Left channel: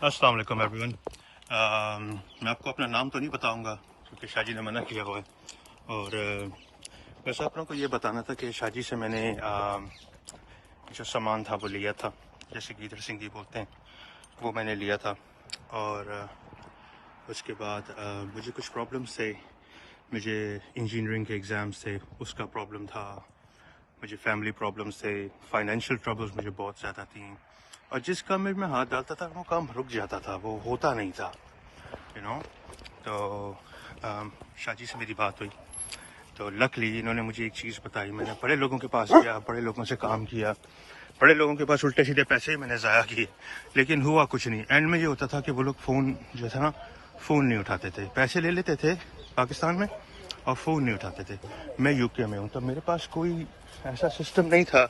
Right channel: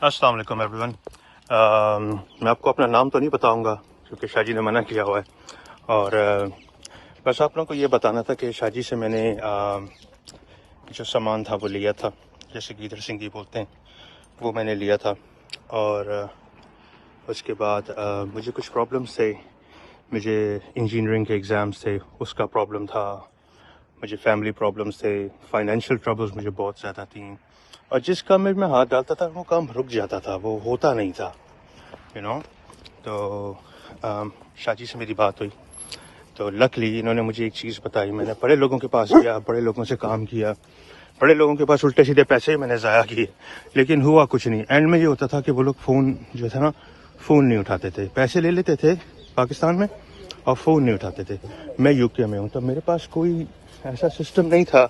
अस्सलाम वालेकुम एवरीवन। मैं आपको अपना नाम तो नहीं बताऊंगा क्योंकि शाजी ने मना किया हुआ है, और बस आप लोगों को ये बताना था कि शाजी से मैंने जो सामान था वो लिया था, जैसे कि इधर सिंगी बोलते हैं, वो मैंने लिया था। और उसके बाद मुझे कुछ प्रॉब्लम्स थे, मुझे इंजीनियरिंग के एग्ज़ाम्स थे, उसका प्रॉब्लम था, मुझे फैमिली प्रॉब्लम्स थे, फाइनेंशियल ट्रबल्स मुझे बहुत ज़्यादा थी, और जिस काम में मैं हाथ डालता था वो काम रुक जाता था, वो होता नहीं था, यू नो। तो शाजी से मेरी बात हुई तो लकली इन्होंने मुझे एक चीज़ बताई। मैंने बड़े लोगों के पास गया, बड़े लोगों से काम किया, बड़े लोगों के पास उल्टे सीधे पैसे मैंने ज़ाया किए, लेकिन हुआ कुछ नहीं। एंड में ये होता था कि वो लोग फ़ोन जो था ना, फ़ोन नहीं उठाते थे, पैसे ले लेते थे पाकिस्तान में और फ़ोन नहीं उठाते थे। मैं यूके में हूँ, तो मेरे पास कोई ऐसा सिस्टम नहीं था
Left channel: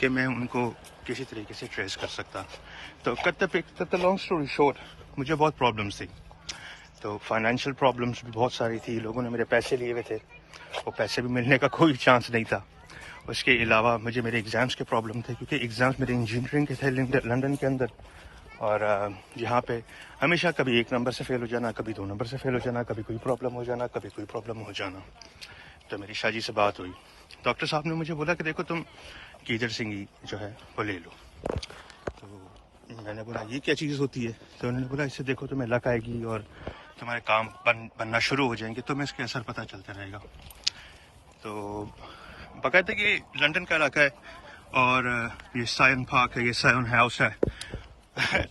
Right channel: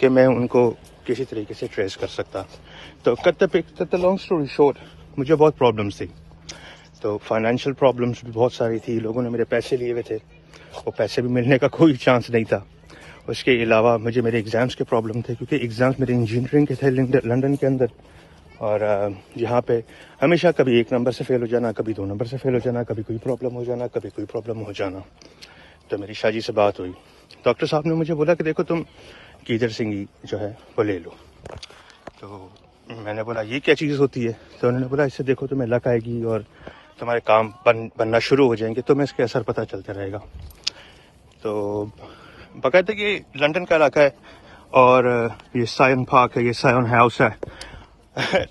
कि मैं उनको किसी तरीके से ट्रेस कर सकता। तो कट लॉन्ग स्टोरी शॉर्ट, मुझे बहुत प्रॉब्लम्स थी। तो फाइनेंशियल प्रॉब्लम्स भी बहुत सारी थी, लोगों ने मेरे पैसे लिए हुए थे, वो पैसे भी मिलने का कोई चांस नहीं था। उसके अलावा मुझे मेरे एग्ज़ाम्स के प्रॉब्लम थे, क्योंकि एग्ज़ाम्स मेरे इंजीनियरिंग के थे लंदन के अंदर, और यहाँ पे हमेशा कभी 1 नंबर से फ़ेल हो जाना, कभी 2 नंबर से फ़ेल हो जाना, कभी कोई प्रॉब्लम हो जाना, कभी कोई प्रॉब्लम हो जाना। तो मेरी शाजी से बात हुई, डॉक्टर साहब ने मुझे बोला कि देखो तुम कीदर सिंगी जो है वो ले लो। तो मैंने बोला ये क्या चीज़ होती है? तो उन्होंने बोला इससे देखो तुम्हें लक आएगी और तुम्हारे काम बनना शुरू हो जाएंगे, तुम्हें इसके असर पता चलता रहेगा। तो बाकायदा ये लंदन का इलाका है, और ये सायन पार्क है, ये सायन हाउस है।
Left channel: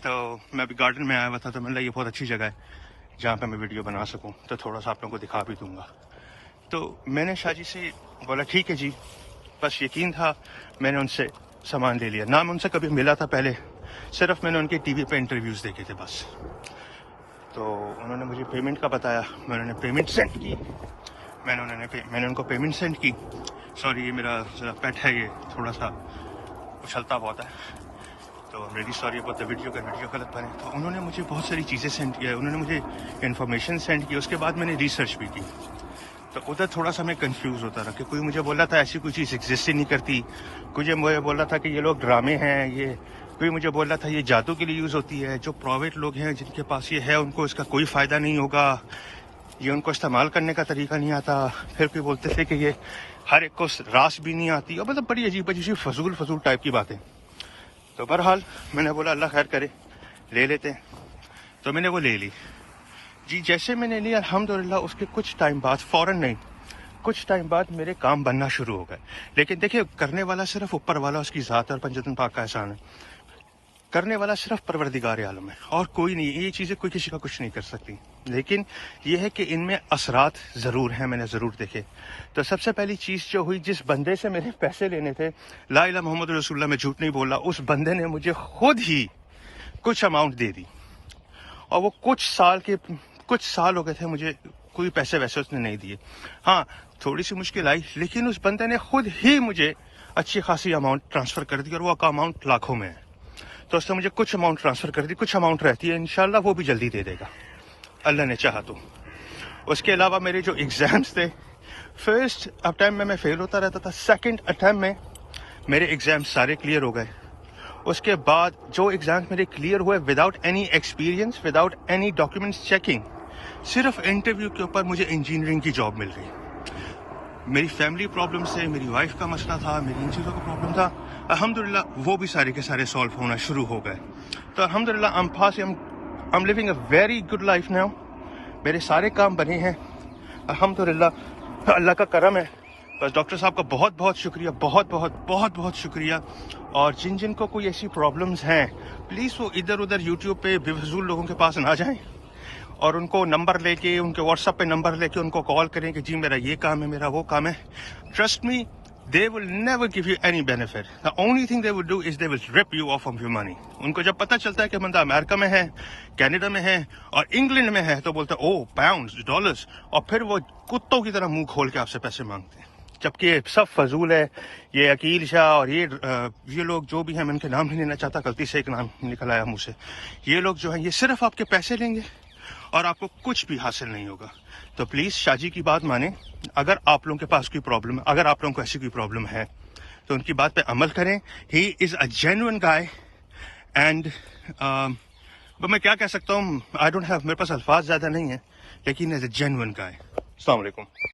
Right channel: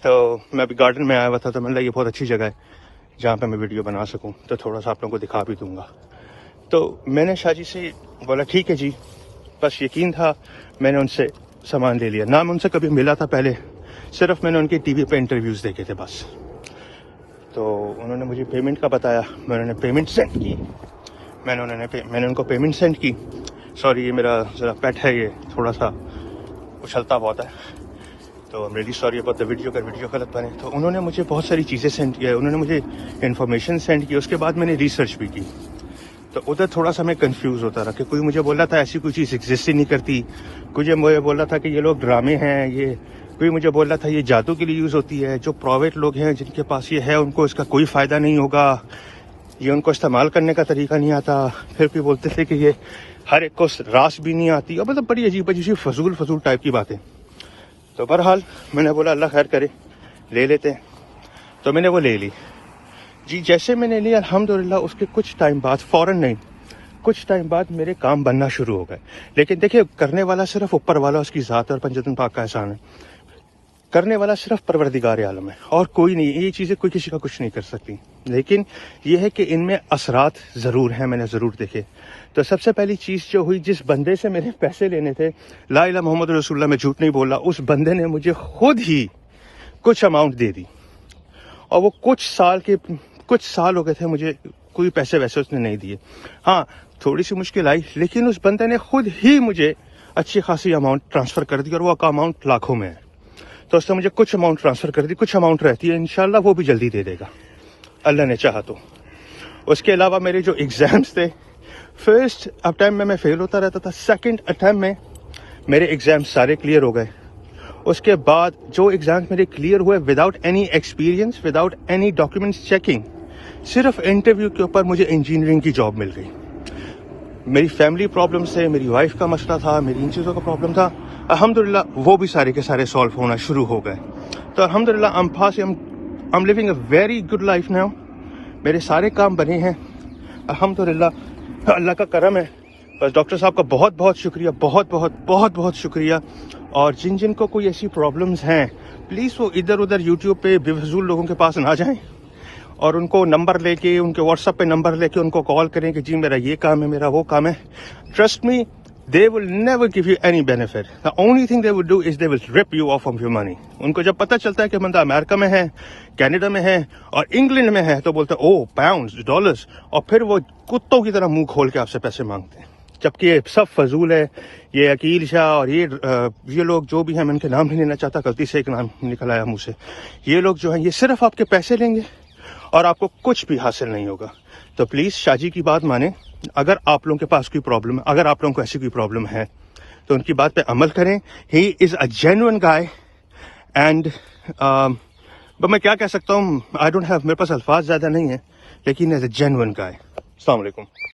तो मैं अभी गार्डन में आया हुआ था, तो मैंने लगा ये बहुत अच्छी जगह है जहाँ पे मैं वीडियो बना सकूँ, तो थोड़ा सा आप लोगों को दिखा भी दूँगा। तो मैंने शाजी से बोला ठीक है जी, बस यकीन था, मैंने उनसे सामान ले लिया। ना मैं उनसे कभी मिला था पहले, सिर्फ मैंने उनके टीवी पे इंटरव्यूज़ देखे थे बस। तो उन्होंने मुझे पेमेंट का बताया, मैंने पेमेंट सेंड की, मैंने उनको पेमेंट सेंड की। सॉरी, ये मेरा ज़रा पेट है, ये थोड़ा सा उछलता बहुत है, तो I am really sorry about the video, अगर वीडियो गलत बने। तो उन्होंने मुझे बहुत सारी चीज़ें सेंड किया, उन्होंने मुझे इन्फॉर्मेशन सेंड की, उसके बाद मैंने रिसर्च भी की। तो उधर थोड़ा सा मैं कंफ्यूज होता रहा कि कोई मुझे बोला था ऐसी कोई चीज़ एग्जिस्ट ही नहीं करती, कोई मुझे बोला था कि ये लोग ड्रामे हैं, ये कोई मुझे बोला था ये जादू के लिए यूज़ होती है, जो प्राइवेट लोग हैं जिनके पास ये है उनको इसका कोई फ़ायदा नहीं होगा, ये उनको इस्तेमाल करने का तरीका नहीं आता। फिर कोई बोलते थे कि ये हर एक को रास भी नहीं आती, और मतलब बड़ी अजीब अजीब फजूल टाइप की बातें। तो बहरहाल मैंने बोला अल्लाह खैर करे, ले लेते हैं। तो मैंने वो ले ली जी। जैसे मैंने ली अल्हम्दुलिल्लाह, उसके कुछ टाइम बाद, फ़ौरन नहीं, कुछ टाइम बाद मेरे काम बनना शुरू हो गए। लेकिन देखिए, करने वाला सिर्फ ऊपर वाला, उसकी ज़ात और पंजतन पाक का एहसान है। करने वाला सिर्फ परवरदिगार आलम है और कोई नहीं। ये चीज़ें कोई किसी का कुछ नहीं कर सकती, लेकिन ये है कि इनमें असरात ज़रूर हैं, मैंने ज़रूर देखे। तो सबसे पहली चीज़ जो हुई, जिस बंदे से मेरे पैसे लेने थे, ला इलाहा मोहम्मद रसूलुल्लाह, मैं झूठ नहीं बोला, उस बंदे ने मुझे खुद ही कुछ अमाउंट दे दी, और वो कुछ साल हो गए थे मुझे कोई पैसे वैसे उसने नहीं दिए। हाँ, थोड़ी सी मुश्किल आई, लेकिन उस बंदे ने खुद ही मुझे अच्छी खासी अमाउंट ट्रांसफ़र कर दी, और वो अमाउंट लाखों में है। तो उसने मुझे कुछ अमाउंट ट्रांसफ़र कर दी, कुछ अमाउंट रहती है, इंशाल्लाह वो भी जल्दी दे देगा अल्लाह ने चाहा तो। उसके अलावा मेरे जो एग्ज़ाम्स थे, फर्स्ट अटैम्प्ट में मैं फ़ेल होता रहता था, सेकंड अटैम्प्ट में मेरे एग्ज़ाम सारे क्लियर हो गए। उसके बाद जो एग्ज़ाम मेरे क्लियर हुए without any experience, without any documents checking, सिर्फ इंटरव्यू के ऊपर मुझे इंजीनियरिंग की जॉब मिल गई। मेरी फैमिली प्रॉब्लम से, मेरी वाइफ का मसला था, मेरी इन चीज़ों का प्रॉब्लम था, अल्हम्दुलिल्लाह वो भी सारे के सारे सॉल्व होना शुरू हो गए। तो अल्हम्दुलिल्लाह I am living a very good life now. मेरे सारे काम बने हैं अल्हम्दुलिल्लाह, अल्लाह का करम है। बस डॉक्टर साहब का बहुत बहुत शुक्रिया, बहुत शुक्रिया। और जिन को कोई ऐसी प्रॉब्लम्स हैं, प्लीज़ वो इधर उधर यूट्यूब पे बेफजूल लोगों के पास ना जाएं, और उनको नंबर लेके, उनके व्हाट्सएप पे नंबर लेके उनको कॉल करें कि जी मेरा ये काम है, मेरा वो काम है। Trust me, they will never give you any benefit. The only thing they will do is they will rip you off of your money. उनको जब पता चलता है कि बंदा अमेरिका में है, कनाडा में है और इंग्लैंड में है, तो बोलते हैं ओ पाउंड्स, डॉलर्स, और फिर वो कुत्तों की तरह मुंह खोल के आपसे पैसे मांगते हैं, जबकि ये सब फजूल है। ये अकील शाह और ये लोग जो भी हैं, मैं इनके नाम नहीं लेना चाहता, गलती से एक नाम निकल आया मुँह से। ये लोग जो हैं, ये सिर्फ आपके पैसे लेंगे और आपको कुछ भी हासिल नहीं होगा। तो प्लीज़ शाजी की बात माने, अगर आप लोगों के पास कोई प्रॉब्लम है, अगर आप लोगों को ऐसी कोई प्रॉब्लम है, तो उनकी बात पे अमल करें। He is a genuine guy, and میں کیا کہہ سکتا ہوں, آئی ڈونٹ ہیو, میرے پاس الفاظ زیادہ نہیں ہیں, لیکن ایز اے جینوئن گائے. السلام علیکم.